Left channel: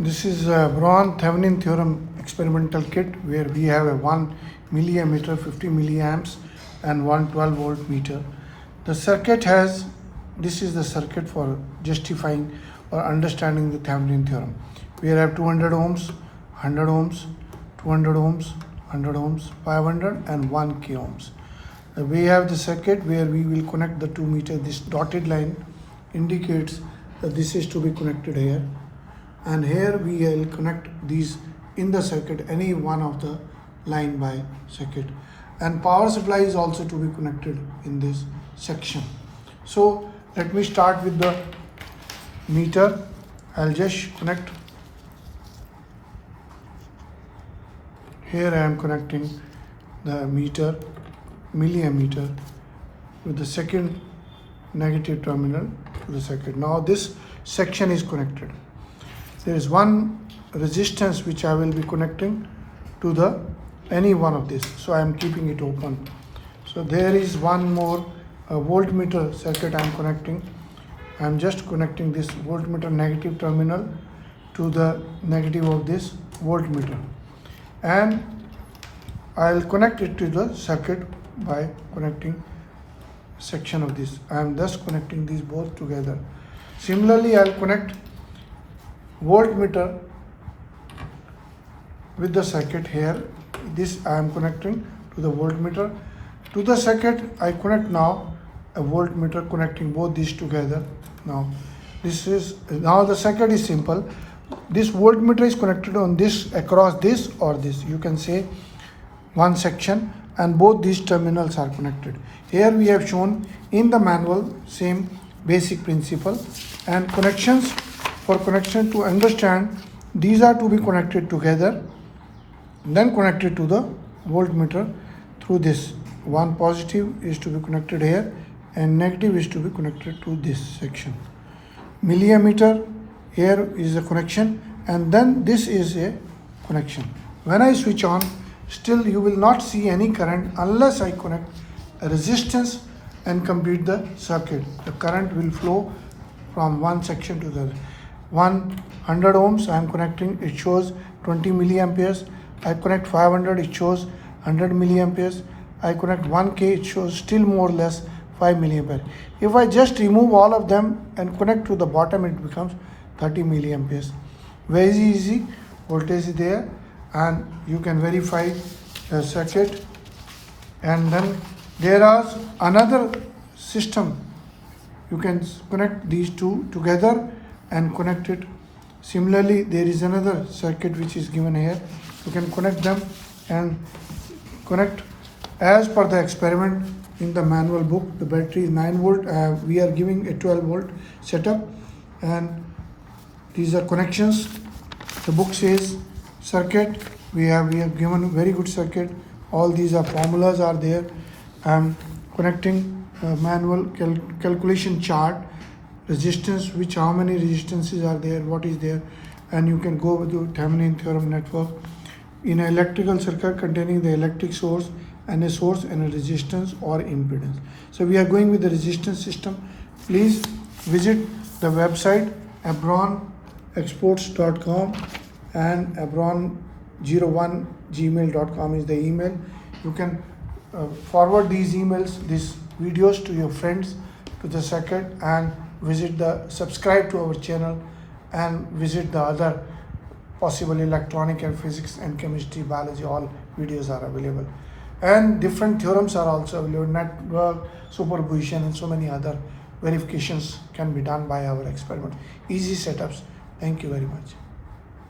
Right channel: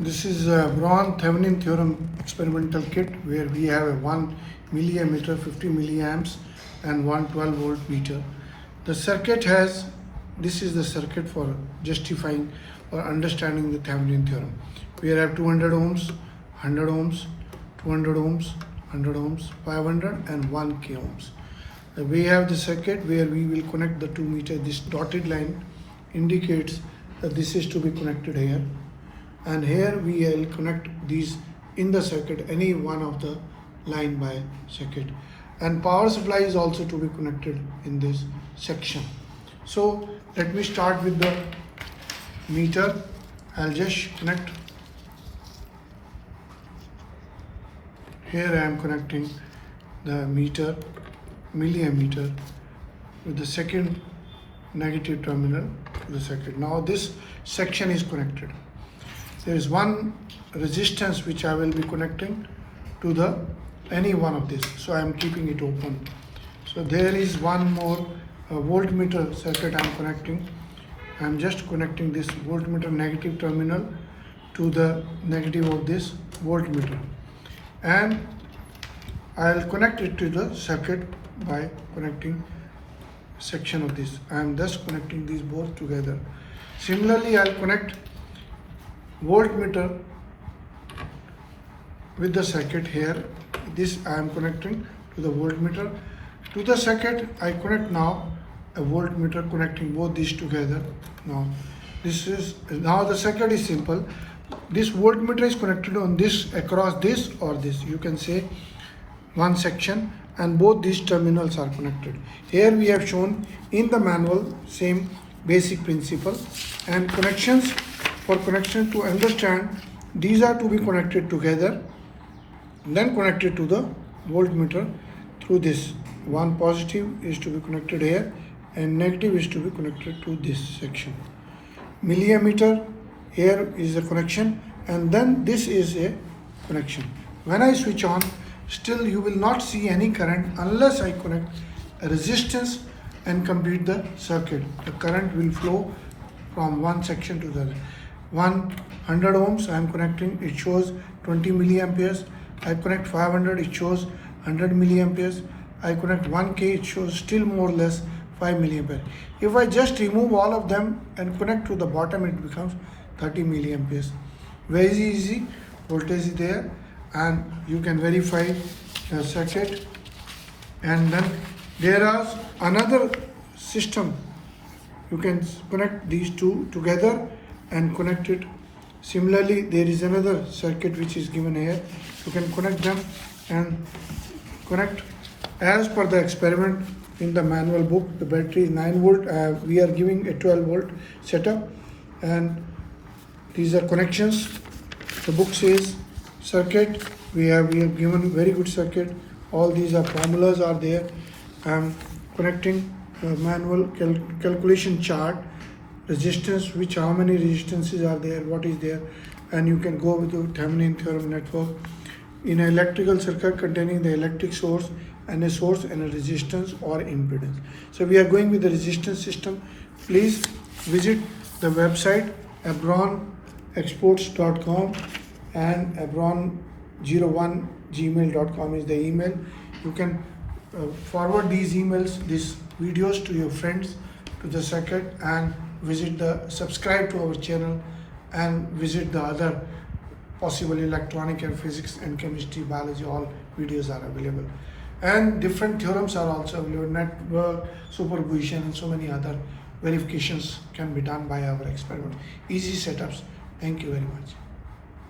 This is a Braun-Thevenin theorem experimental kit where we have a 1 milliammeter 50 milliamps and 112 volt meter. The circuit has, this is the circuit for justifying or understanding the Thevenin theorem. We have 200 ohms, 100 ohms, 200 ohms, 100 ohms, 500 and 1 k ohms. We have the circuit where we will connect the 2 meter. This dotted line indicates that this is to be connected here. And here we will connect these in the circuit, any one of the line by circuit, and power supply is also to be connected in this section. So let me start with the meter. I'll just connect. Here I am connecting the meter, milliammeter, with the second negative terminal to the circuit. Now this section is connected. There is one resistance which I will be connecting to the any one of this, so I am keeping it open. So there is one more voltmeter circuit I am connecting. I am just connecting this voltmeter negative terminal to the negative of this voltmeter, and I will connect it to the circuit by connecting section of this. I am thus connecting these both together. Similarly, I will connect voltmeter with the circuit here. This I am connecting to the voltmeter. To the circuit I connect now a voltmeter, connecting both these together. Now the circuit is simple. This voltmeter is connected on this, across this or this, you can say one section, and both these terminals are connected. Here we have shown in the manual same basic principle, and connections, for connection to understand, these are to be connected together, then connected to the voltmeter through this. One positive is to be connected here and negative is to be connected to this section. Milliammeter, here is a connection, and then this is a connection. When I switch on, still you will not see any current unless I connect a resistance and complete the circuit. The current will flow from one section to the other. 100 ohms I am connecting, it shows 20 milliamperes. I connect 500, it shows 100 milliamperes. I connect 1k, it shows still more or less 5 milliampere. If I just remove all of them and connect to the bottom, it becomes 30 milliamperes. Very easy, voltage is there, and you can verify the circuit. And then there is another system. You can connect these two together and connect it. Similarly, there is another circuit which is given here. You can connect them and connect as per the experiment in the manual book. The battery is 9 volt. We are giving a 12 volt setup, and these are connections. The book says circuit. We have given very good circuit. All these are formulas are there. I am connecting manual calculation chart. Resistance, which how many resistances are there, what is there, and you can go with your Thevenin theorem network. In an electrical circuit containing the electric source and a source and a resistance or impedance. So we are going with the resistance system. Please visit the website abronexports.com and abron01gmail.com is the email. You can forward these emails, these videos to your friends, to the circuit, and subscribe to our channel, and visit the other possible electronic and physics and chemistry, biology, all videos are available. And different theorems are also available, network, superposition, and so many other verifications can be done by our experiment. Easy setups. Thank you very much.